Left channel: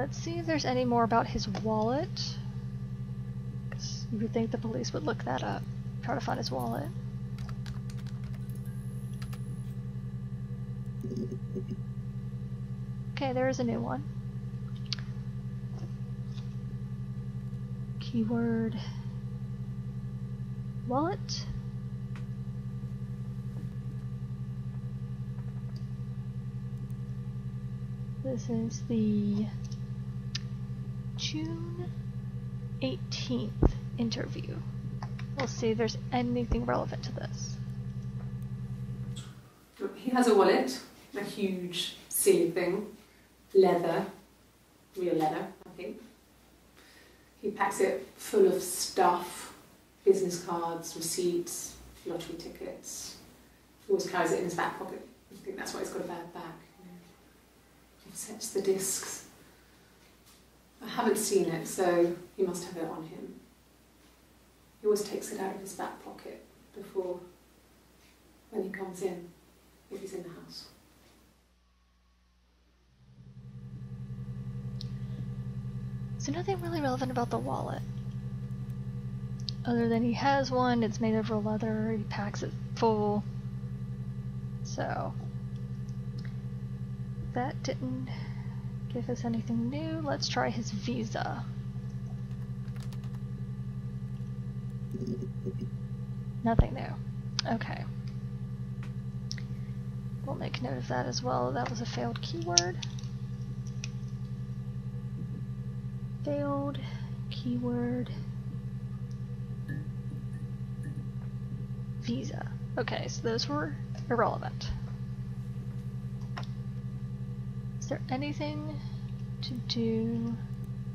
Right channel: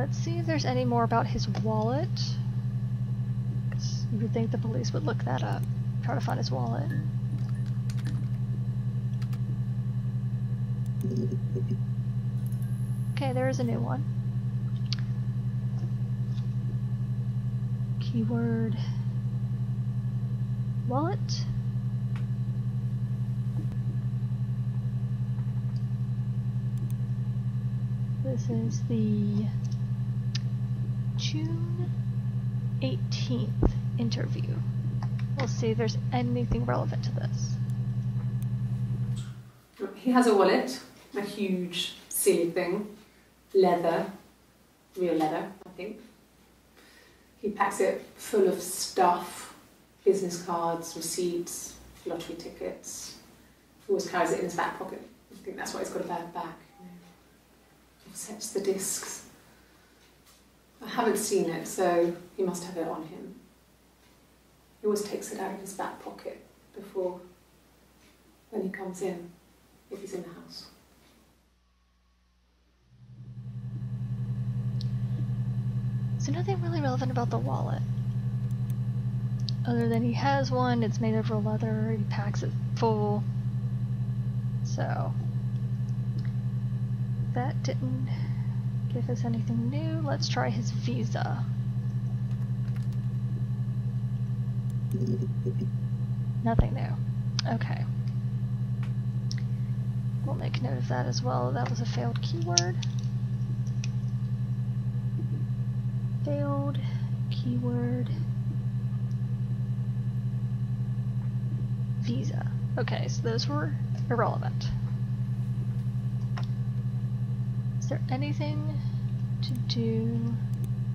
Let's see if there's any more about his wallet. 'Cause you would think the police would look that up. Try to find his wallet. Okay, there is a new one. Keyword wallet. This is the June 18th interview. We'll see if there's anything relevant to this. He has a wallet, a huge silly thing, leather, real leather, I think. He packs it full of stuff, business cards, receipts, lottery tickets. He always carries it in his back pocket. I think that's why he's got a bad back. Offsets the discs. I haven't seen it, so he must have it on him. He always takes it out of his back pocket before, when he comes in, if he's in the house. So nothing really relevant about the wallet. Other than he has one, it's made of real leather, he packs it full. So that didn't give us anything new. Let's try his visa. Nothing new. Okay. We'll make note of that as well. That was a failed keyword. Failed keyword visa. Okay, so those were irrelevant. Is there anything to do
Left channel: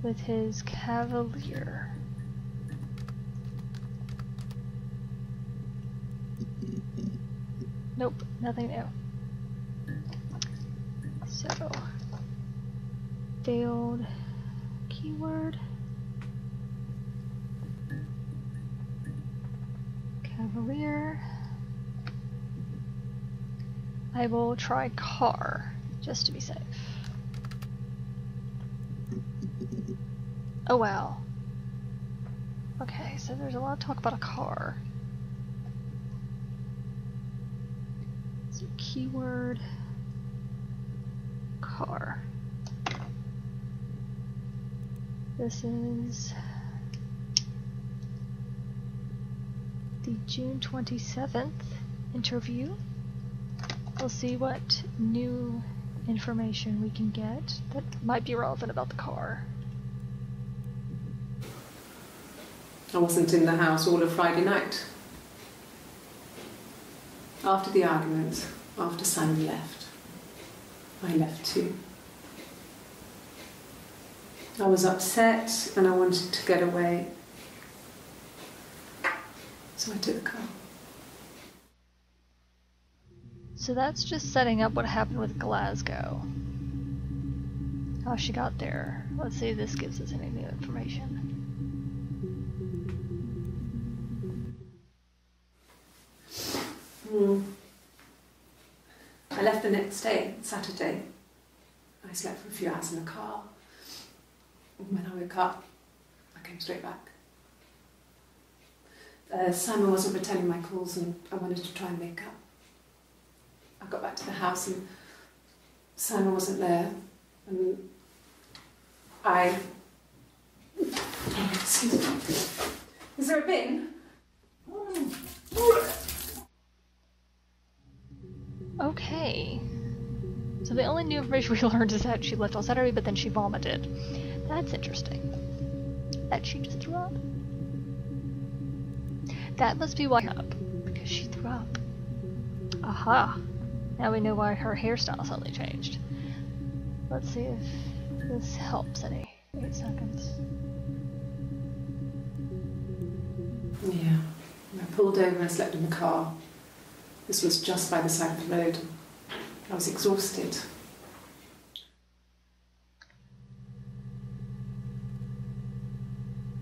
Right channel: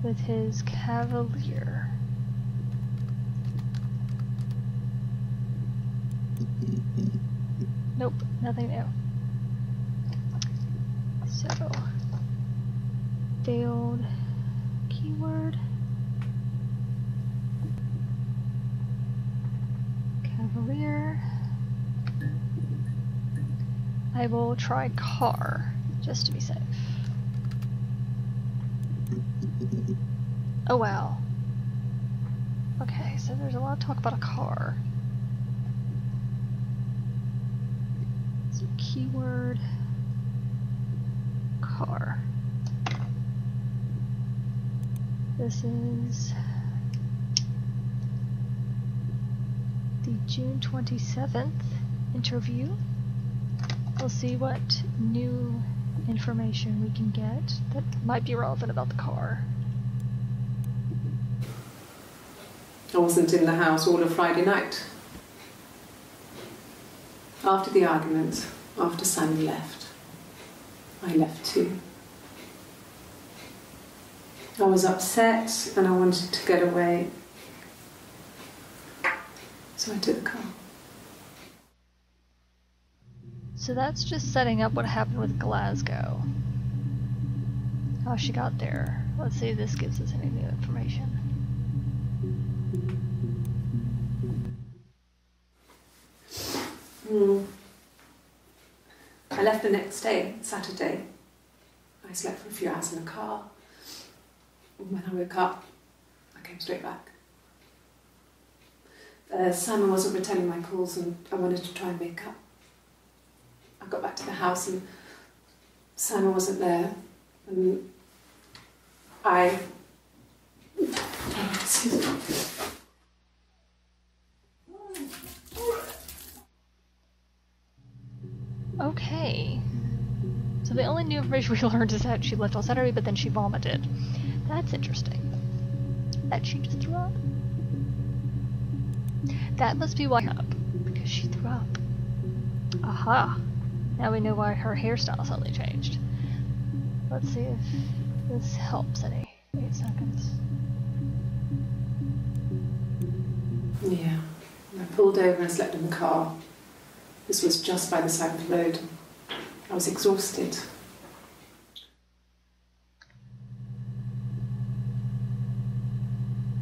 with his Cavalier? Nope, nothing new. So, failed keyword, Cavalier. I will try car, just to be safe. Oh wow. Okay, so there's a lot of talk about a car. So keyword, car. This is the June 27th interview. We'll see what new information we can get that might be relevant about the car. I wasn't in the house all of Friday night. After the argument, after Simon left, I left too. I was upset and I wanted to get away, so I took the car. So that's just setting up what happened with Glasgow. How she got there. Let's see if this gives us any new information. I left the next day, Saturday. I slept for a few hours in the car. When I woke up, I came straight back. Simon wasn't returning my calls and I wanted to try and make up. I got back to the house and Simon wasn't there and I... Is there a bin? Okay. So the only new information we learned is that she left on Saturday, but then she vomited. That's interesting. That she just threw up. That must be why up, because she threw up. Aha! Now we know why her hairstyle suddenly changed. Let's see if this helps any. 8 seconds. Yeah. I pulled over and slept in the car. This was just by the side of the road. I was exhausted. So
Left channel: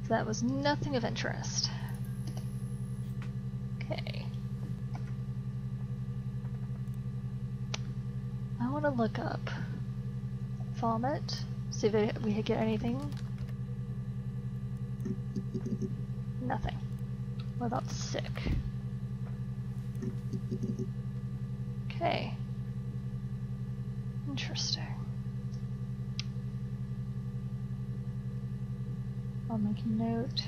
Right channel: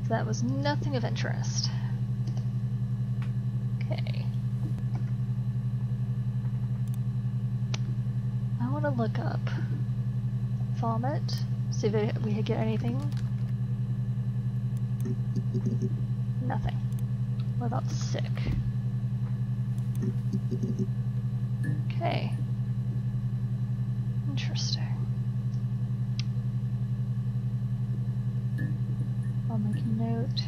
that was nothing of interest. Okay. I want to look up vomit See if we get anything. Nothing. What about sick? Okay. Interesting. I'll make a note.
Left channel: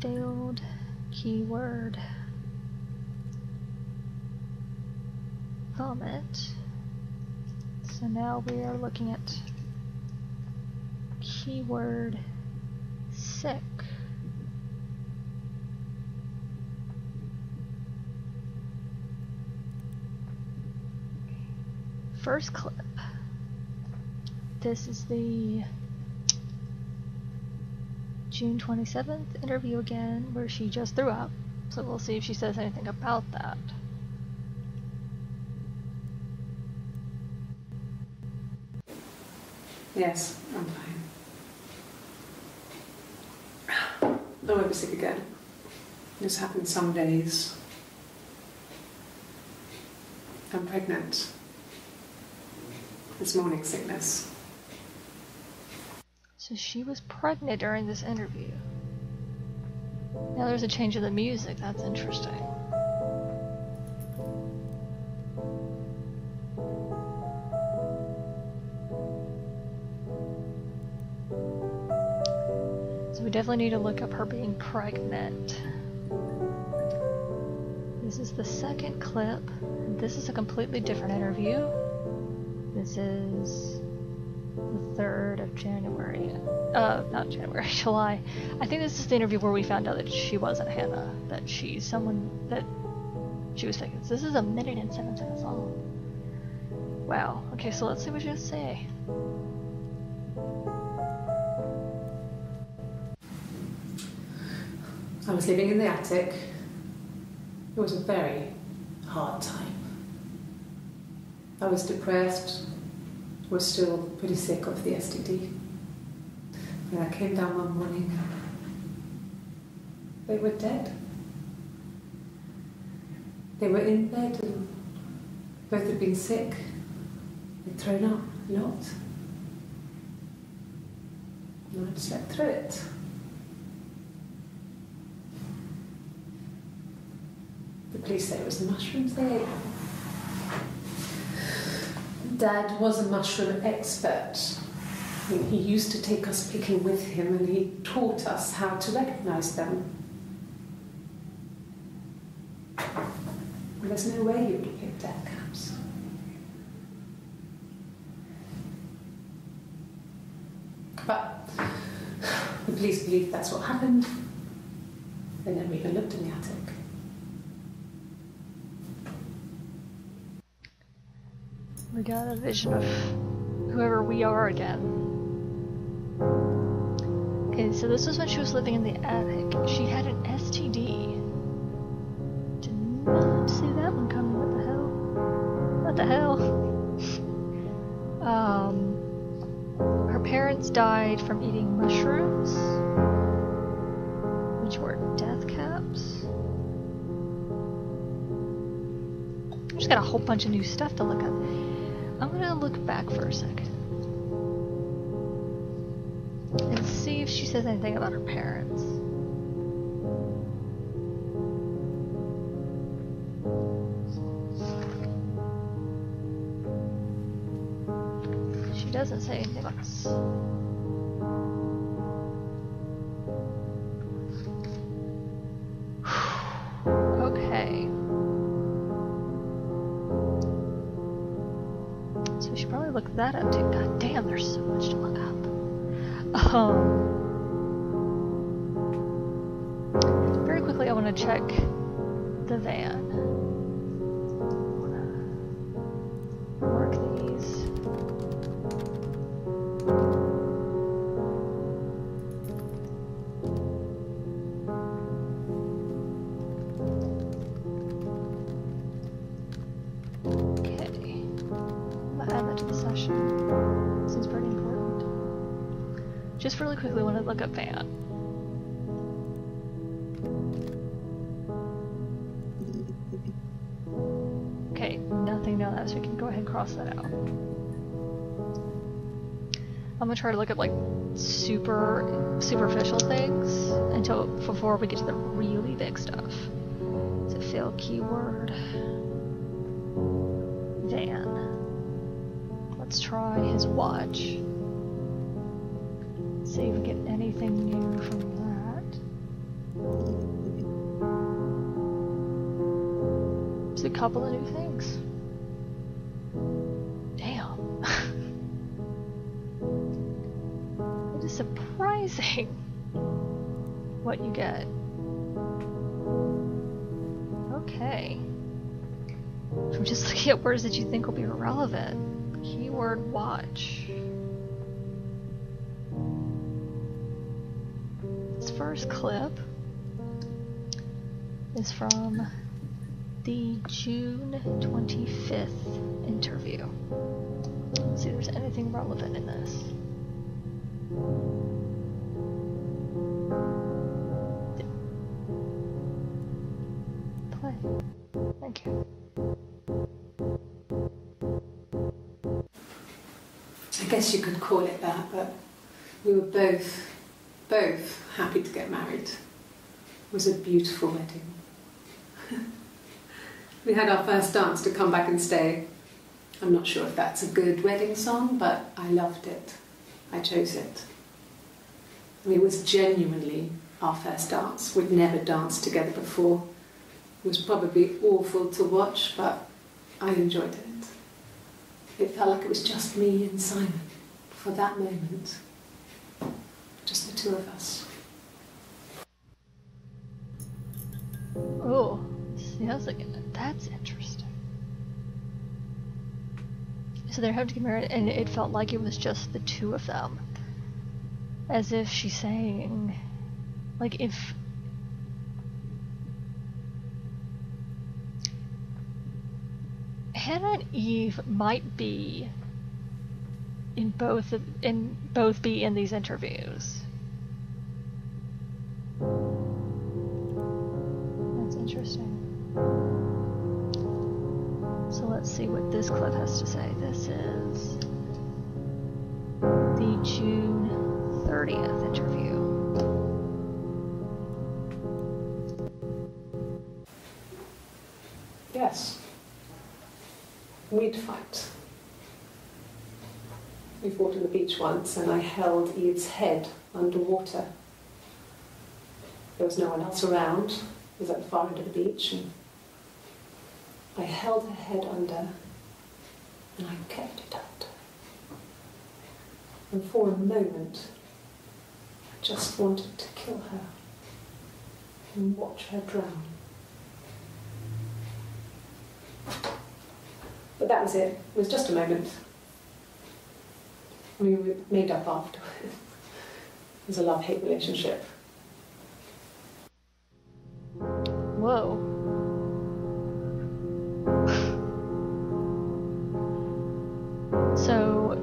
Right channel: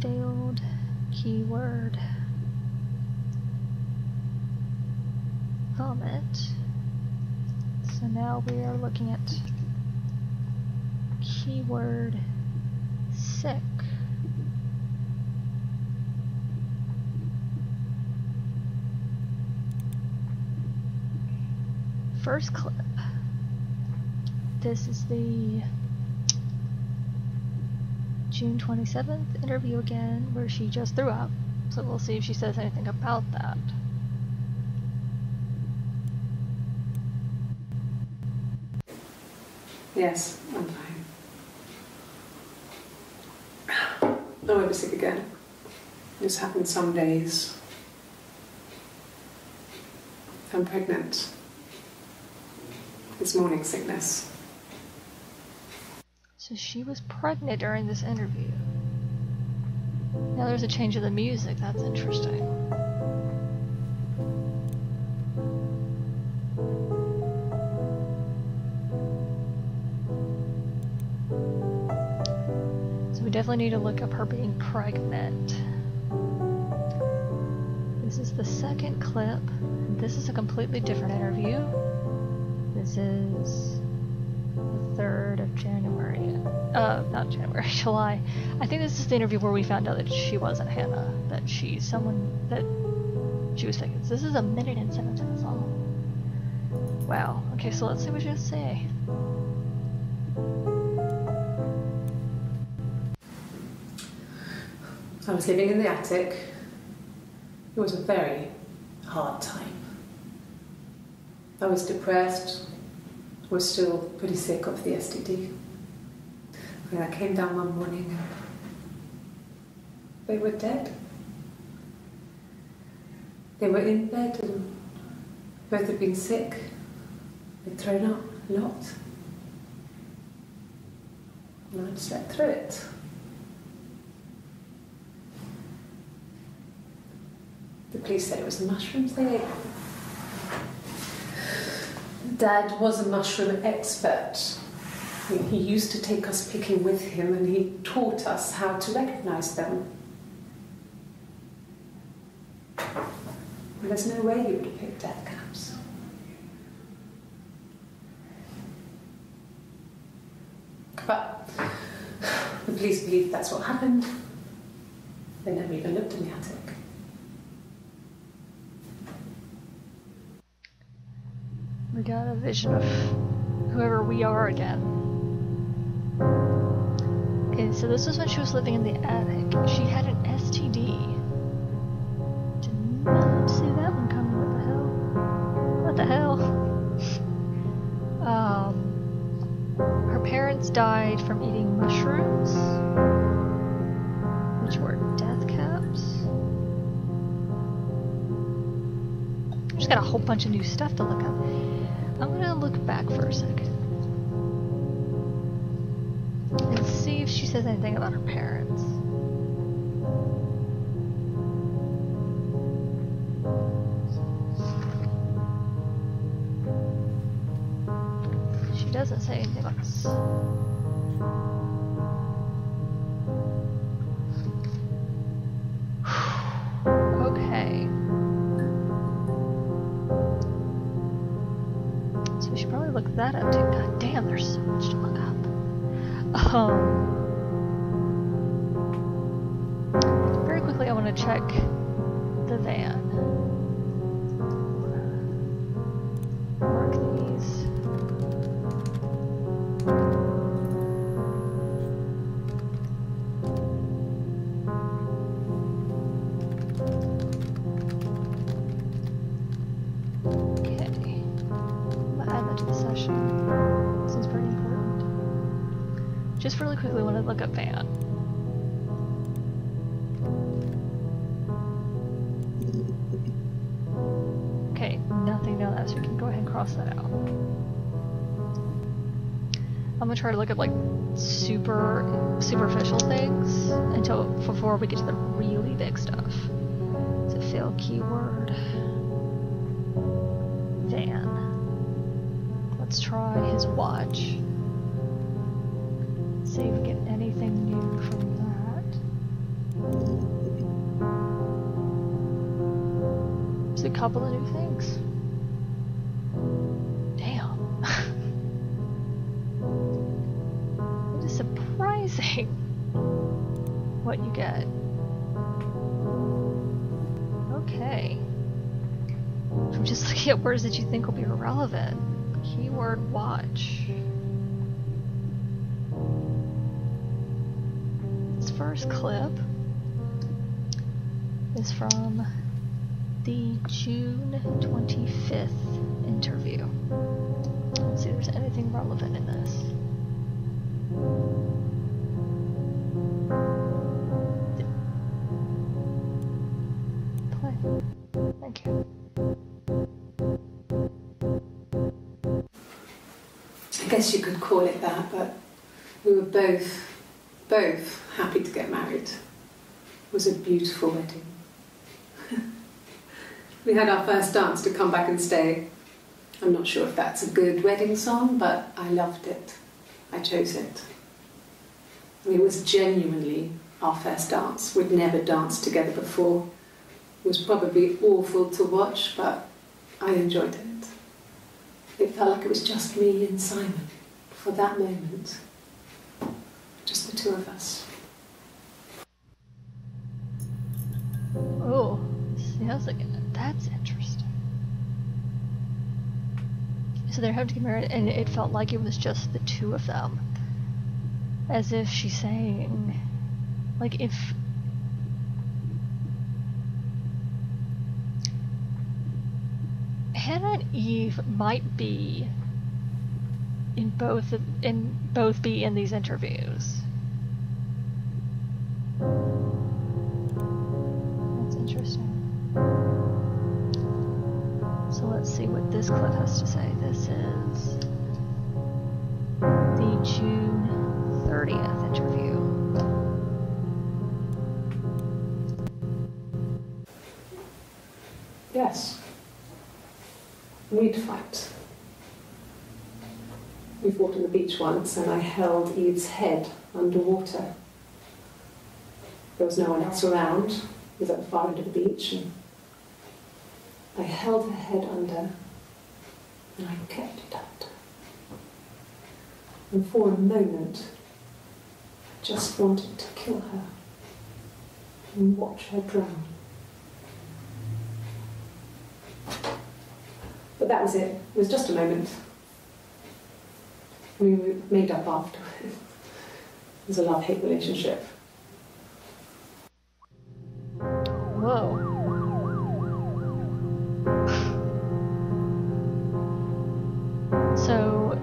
Failed keyword. Vomit. So now we are looking at keyword sick. First clip. This is the June 27th interview again, where she just threw up. So we'll see if she says anything about that. Yes, I'm fine. I won't be sick again. This happens some days. I'm pregnant. It's morning sickness. So she was pregnant during this interview. Now there's a change of the music. That's interesting. So we definitely need to look up her being pregnant. This is the second clip. This is a completely different interview. This is the 3rd of January. Not January, July. I think this is the interview where we found out that she wasn't Hannah. That she's someone that she was faking. This is 1 minute and 7 seconds long. Wow. Okay, so let's see what she has to say. I was living in the attic. It was a very hard time. I was depressed, was still pretty sick of the STD. And I came down one morning and they were dead. They were in bed and both had been sick. They'd thrown up a lot. And I'd slept through it. The police said it was the mushrooms they ate. Dad was a mushroom expert. I mean, he used to take us picking with him and he taught us how to recognize them. And there's no way he would have picked dead caps. But the police believe that's what happened. They never even looked in the attic. We got a vision of whoever we are again. Okay, so this was when she was living in the attic. She had an STD. Did not see that one coming. What the hell? What the hell? Her parents died from eating mushrooms, which were death caps. Just got a whole bunch of new stuff to look up. I'm gonna look back for a second and see if she says anything about her parents. She doesn't say anything about us. Okay. So we should probably look that up too. God damn, there's so much to look up. Very quickly, I want to check the van. Mark these. Add that to the session. Seems pretty important. Just really quickly, want to look up van. Okay, nothing down that, so we can go ahead and cross that out. I'm gonna try to look at like superficial things before we get to the really big stuff. So fill keyword van. Let's try his watch. See if we get anything new from that. There's a couple of new things. Damn. It is surprising what you get. Okay. I'm just looking at words that you think will be irrelevant. Keyword watch. This first clip is from the June 25th interview. Let's see if there's anything relevant in this. Play. Thank you. I guess you could call it that, but we were both happy to get married. It was a beautiful wedding. We had our first dance to Come Back and Stay. I'm not sure if that's a good wedding song, but I loved it. I chose it. I mean, it was genuinely our first dance. We'd never danced together before. It was probably awful to watch, but I enjoyed it. It felt like it was just me and Simon for that moment. Just the two of us. Oh, see, I was like, that's interesting. So they're having to get married, and it felt like it was just the two of them. As if she's saying, like, if Hannah and Eve might be both be in these interviews. That's interesting. So let's see what this clip has to say. This is the June 30th interview. Yes. We'd fight. We fought on the beach once and I held Eve's head underwater. There was no one else around. It was at the far end of the beach and I held her head under and I kept it under. And for a moment, I just wanted to kill her and watch her drown. But that was it. It was just a moment. We made up afterwards. It was a love-hate relationship. Whoa. So,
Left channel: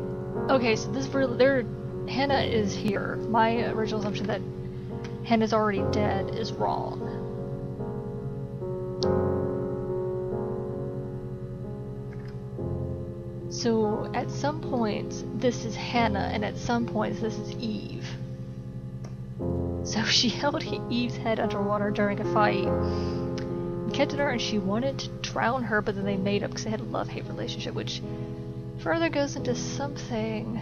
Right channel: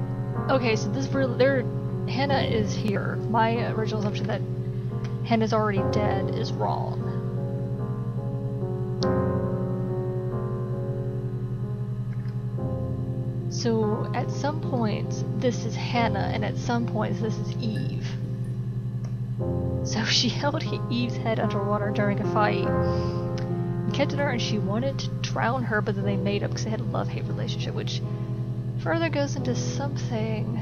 okay, so this really, Hannah is here. My original assumption that Hannah's already dead is wrong. So at some points this is Hannah and at some points this is Eve. So she held Eve's head underwater during a fight and kept it her and she wanted to drown her, but then they made up because they had a love-hate relationship, which further goes into something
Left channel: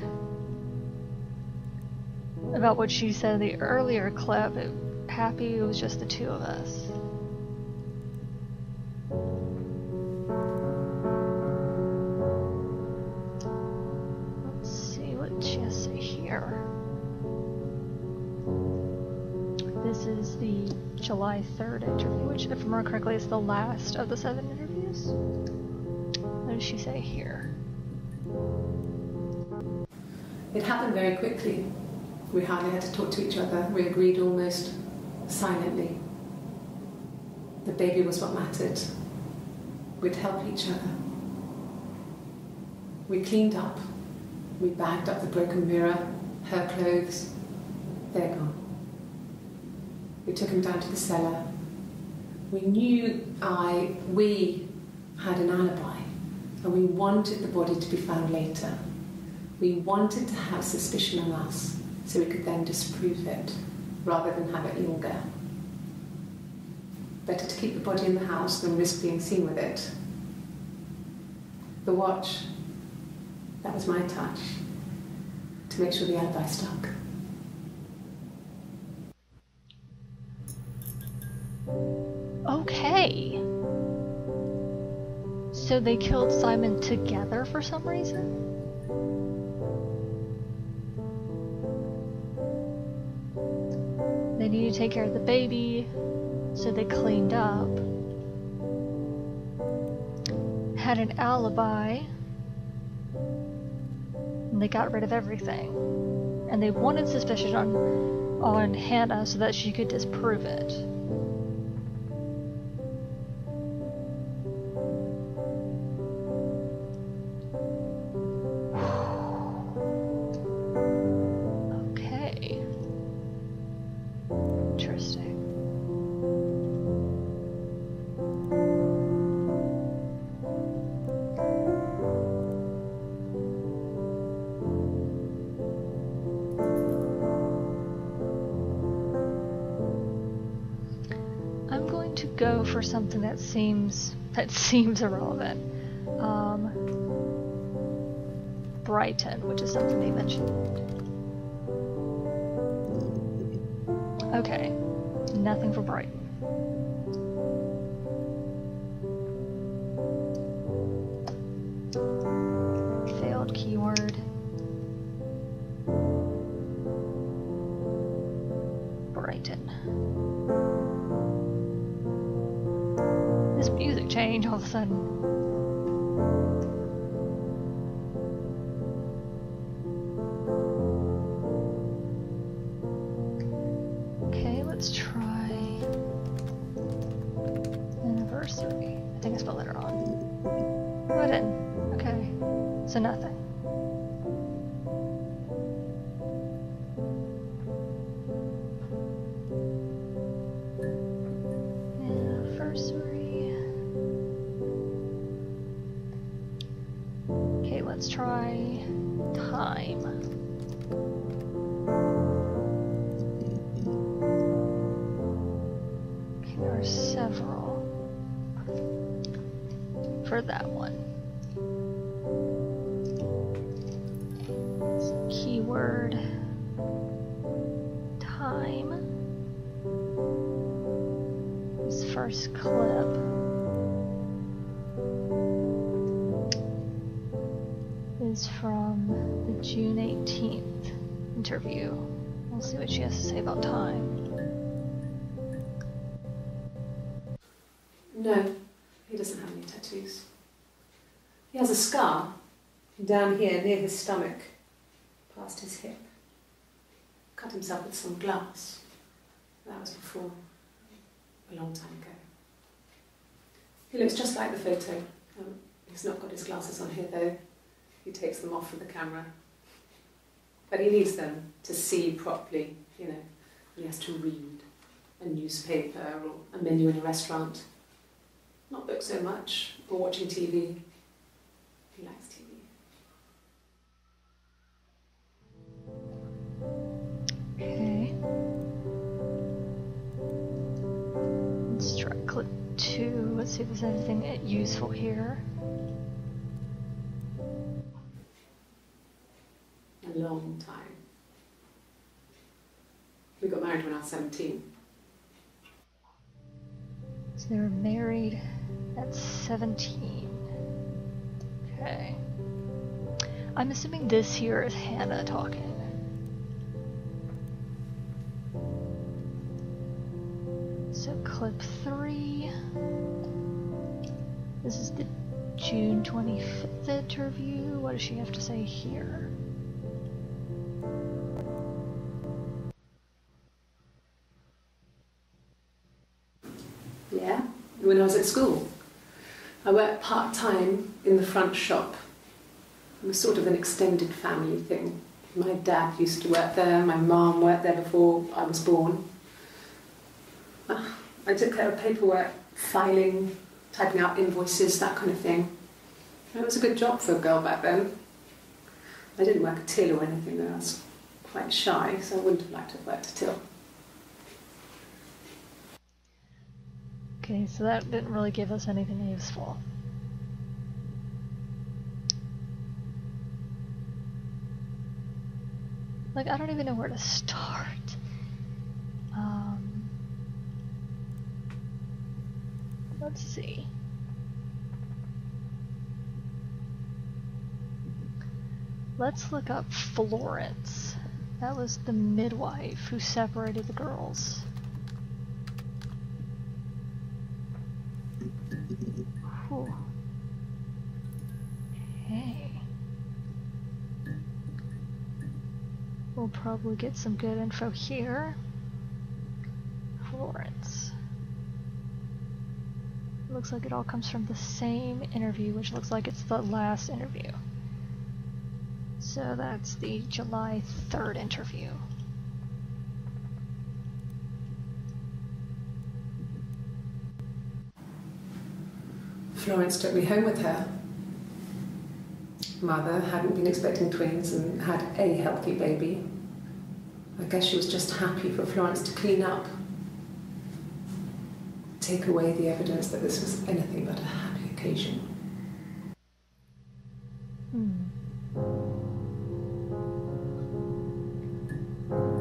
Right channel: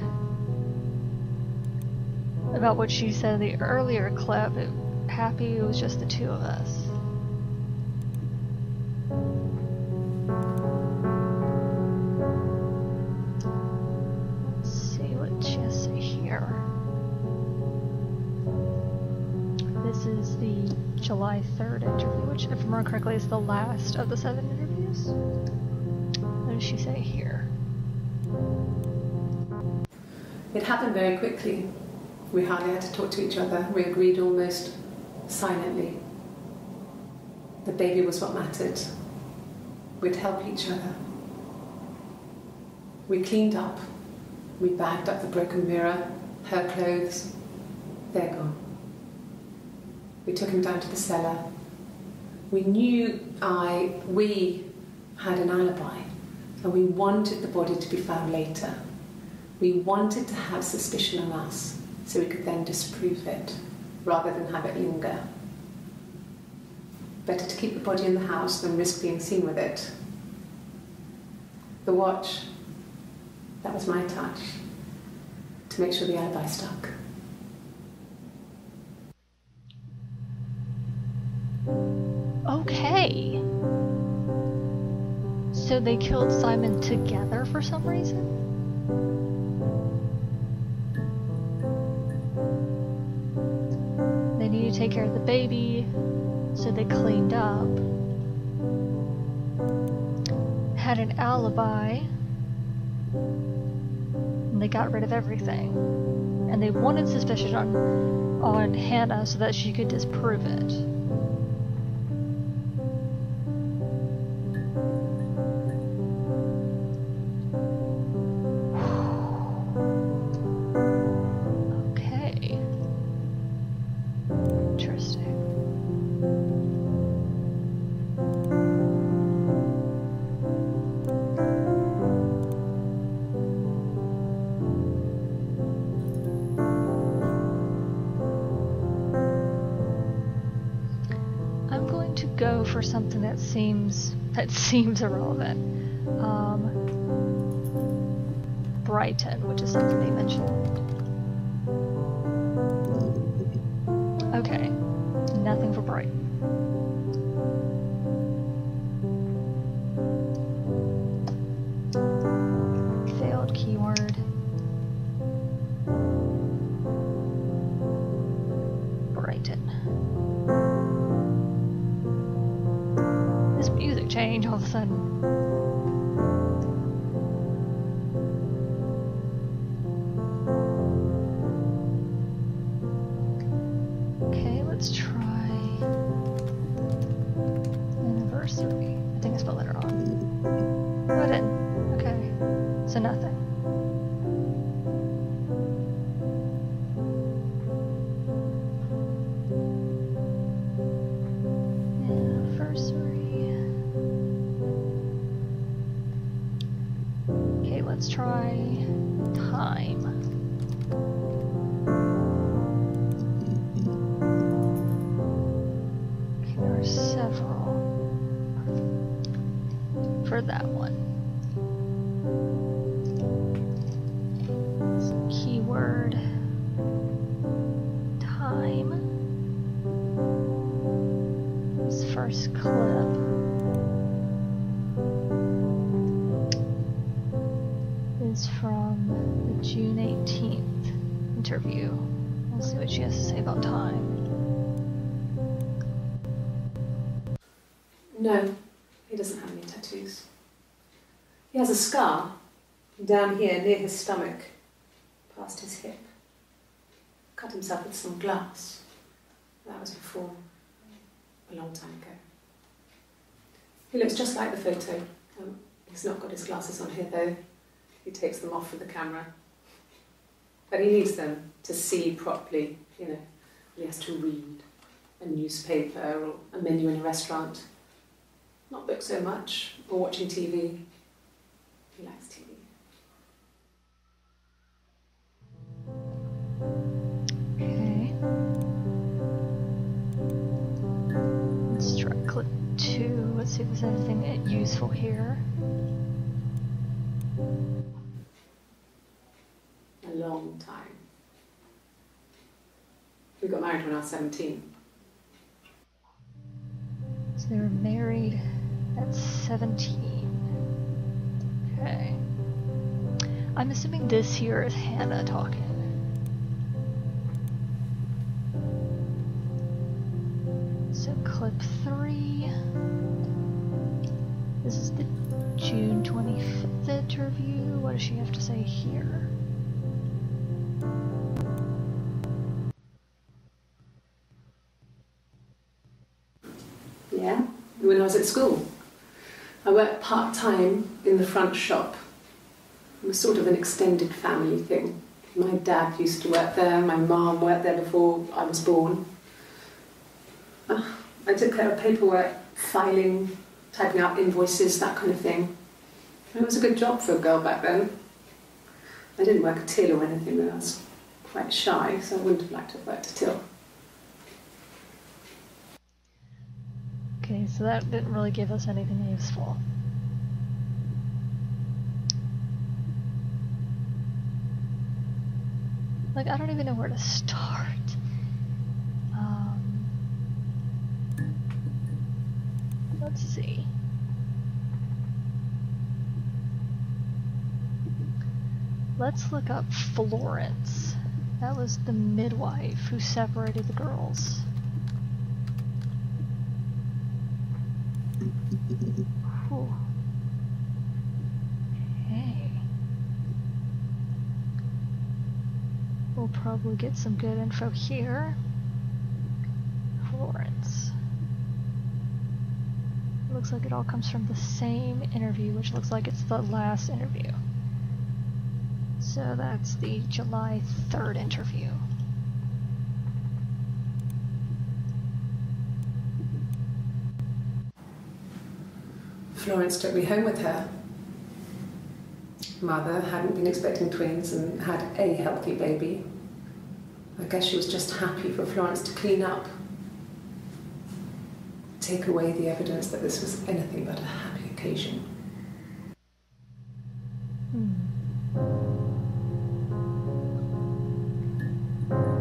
about what she said in the earlier clip. Happy it was just the two of us. This is the July 3rd interview, which, if I remember correctly, is the last of the 7 interviews. What does she say here? It happened very quickly. We hardly had to talk to each other. We agreed almost silently. The baby was what mattered. We'd help each other. We cleaned up. We bagged up the broken mirror, her clothes. They're gone. We took him down to the cellar. We knew we had an alibi and we wanted the body to be found later. We wanted to have suspicion on us so we could then disprove it rather than have it linger. Better to keep the body in the house than risk being seen with it. The watch, that was my touch to make sure the alibi stuck. Okay. So they killed Simon together for some reason? They needed to take care of the baby, so they cleaned up. Had an alibi. And they got rid of everything. And they wanted suspicion on Hannah so that she could disprove it. Okay. Interesting. I'm going to go for something that seems irrelevant. Brighton, which is something they mentioned. Okay, nothing for Brighton. Failed keyword. Brighton. This music change all of a sudden. Okay, let's try anniversary. I think I spelled that wrong. No, I didn't. Okay, so nothing. Anniversary. Okay, let's try time. Okay, there are several for that one. Keyword time. This first clip is from the June 18th interview. We'll see what she has to say about time. No, he doesn't have any tattoos. He has a scar down here near his stomach, past his hip. Cut himself with some glass. That was before, a long time ago. He looks just like the photo. He's not got his glasses on here though. He takes them off for the camera. But he needs them to see properly, you know. He has to read a newspaper or a menu in a restaurant. Not books so much, or watching TV. He likes TV. Okay. Let's try clip 2. Let's see if there's anything useful here. A long time. We got married when I was 17. So they were married at 17. Okay. I'm assuming this here is Hannah talking. So clip 3. This is the June 25th interview. What does she have to say here? Yeah, when I was at school. I worked part-time in the front shop. It was sort of an extended family thing. My dad used to work there, my mum worked there before I was born. I took care of paperwork, filing, typing out invoices, that kind of thing. It was a good job for a girl back then. I didn't work a till or anything, though. I was quite shy, so I wouldn't have liked to have worked a till. Okay, so that didn't really give us anything useful. Like, I don't even know where to start. Let's see. Let's look up Florence. That was the midwife who separated the girls. Whew. Okay. We'll probably get some good info here. Florence. Looks like it all comes from the same interview, which looks like it's the last interview. So that's the July 3rd interview. Florence took me home with her. Mother hadn't been expecting twins and had a healthy baby. I guess she was just happy for Florence to clean up. Take away the evidence that this was anything but a happy occasion.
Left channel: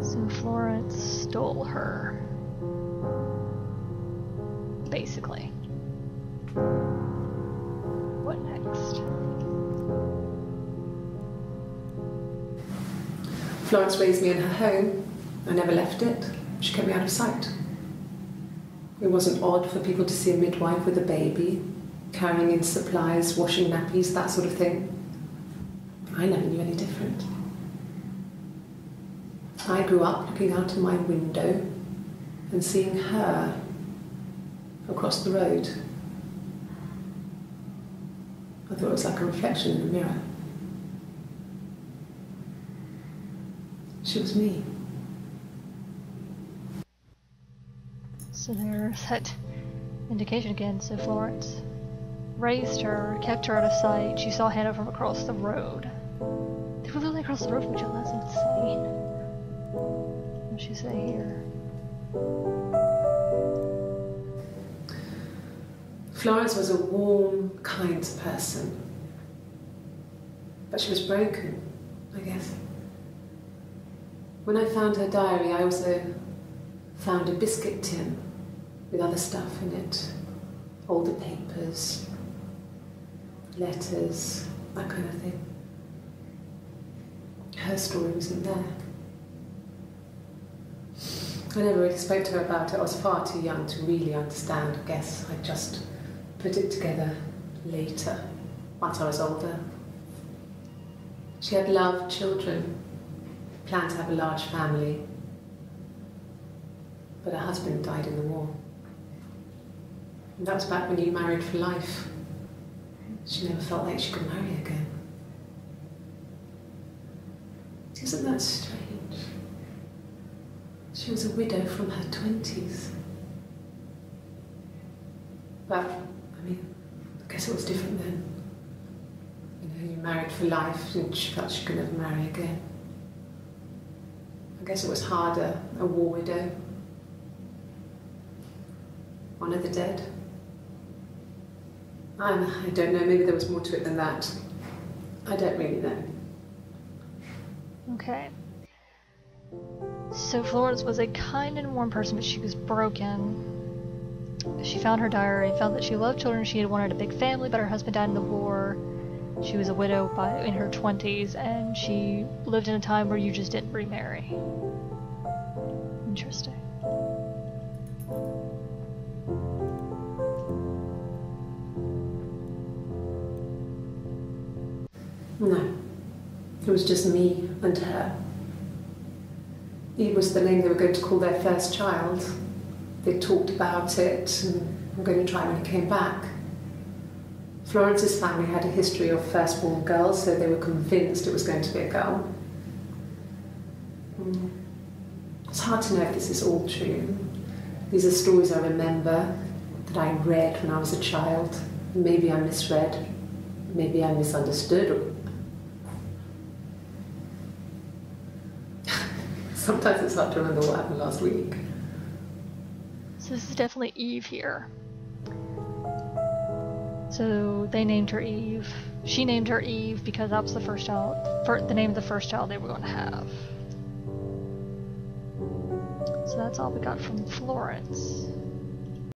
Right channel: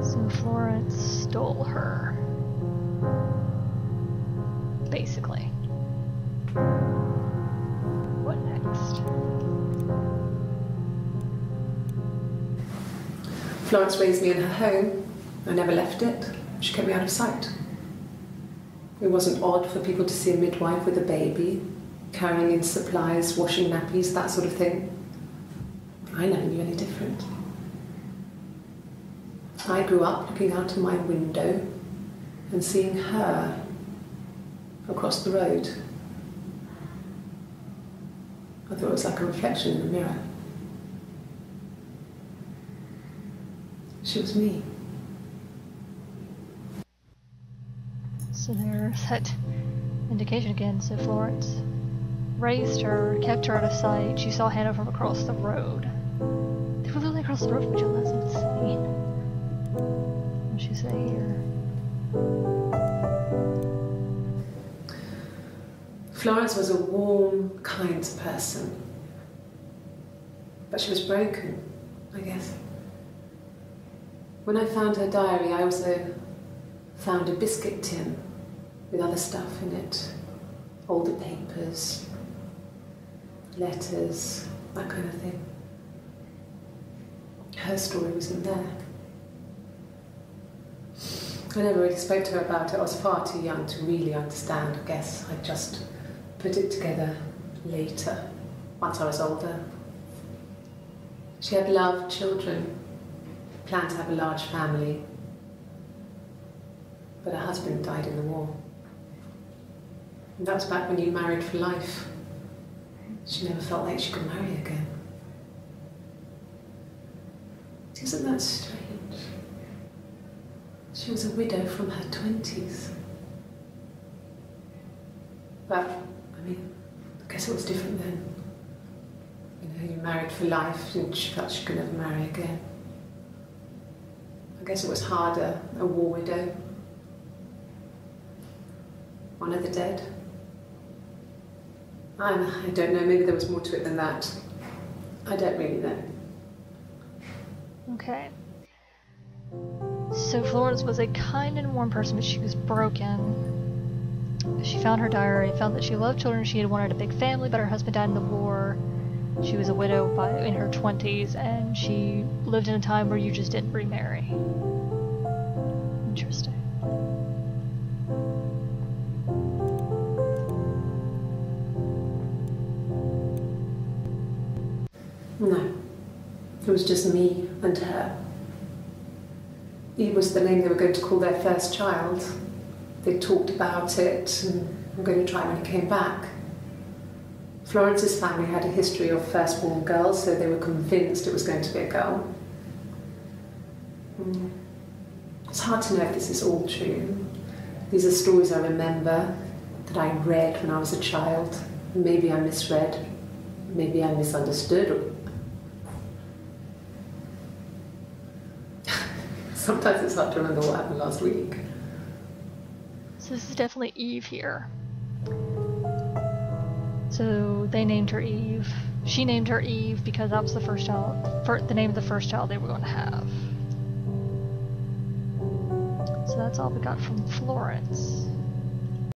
So Florence stole her. Basically. What next? Florence raised me in her home. I never left it. She kept me out of sight. It wasn't odd for people to see a midwife with a baby, carrying in supplies, washing nappies, that sort of thing. I never knew any different. I grew up looking out of my window and seeing her across the road. I thought it was like a reflection in the mirror. She was me. So there's that indication again. So Florence raised her, kept her out of sight. She saw Hannah from across the road. They were literally across the road from each other. That's insane. What does she say here? Florence was a warm, kind person. But she was broken, I guess. When I found her diary, I also found a biscuit tin with other stuff in it. Older papers, letters, that kind of thing. Her story wasn't there. I never really spoke to her about it. I was far too young to really understand, I guess. I just put it together later, once I was older. She had loved children, planned to have a large family, but her husband died in the war. And that was back when you married for life. She never felt like she could marry again. Isn't that strange? She was a widow from her 20s. But, I mean, I guess it was different then. You know, you married for life and she felt she could never marry again. I guess it was harder, a war widow. One of the dead. I don't know, maybe there was more to it than that. I don't really know. Okay. So Florence was a kind and warm person, but she was broken. She found her diary, found that she loved children, she had wanted a big family, but her husband died in the war. She was a widow in her 20s, and she lived in a time where you just didn't remarry. Interesting. No. It was just me and her. Eve was the name they were going to call their first child. They talked about it and were going to try when he came back. Florence's family had a history of firstborn girls, so they were convinced it was going to be a girl. It's hard to know if this is all true. These are stories I remember, that I read when I was a child. Maybe I misread, maybe I misunderstood. Sometimes it's hard to remember what happened last week. So this is definitely Eve here. So they named her Eve. She named her Eve because that was the first child, the name of the first child they were going to have. So that's all we got from Florence.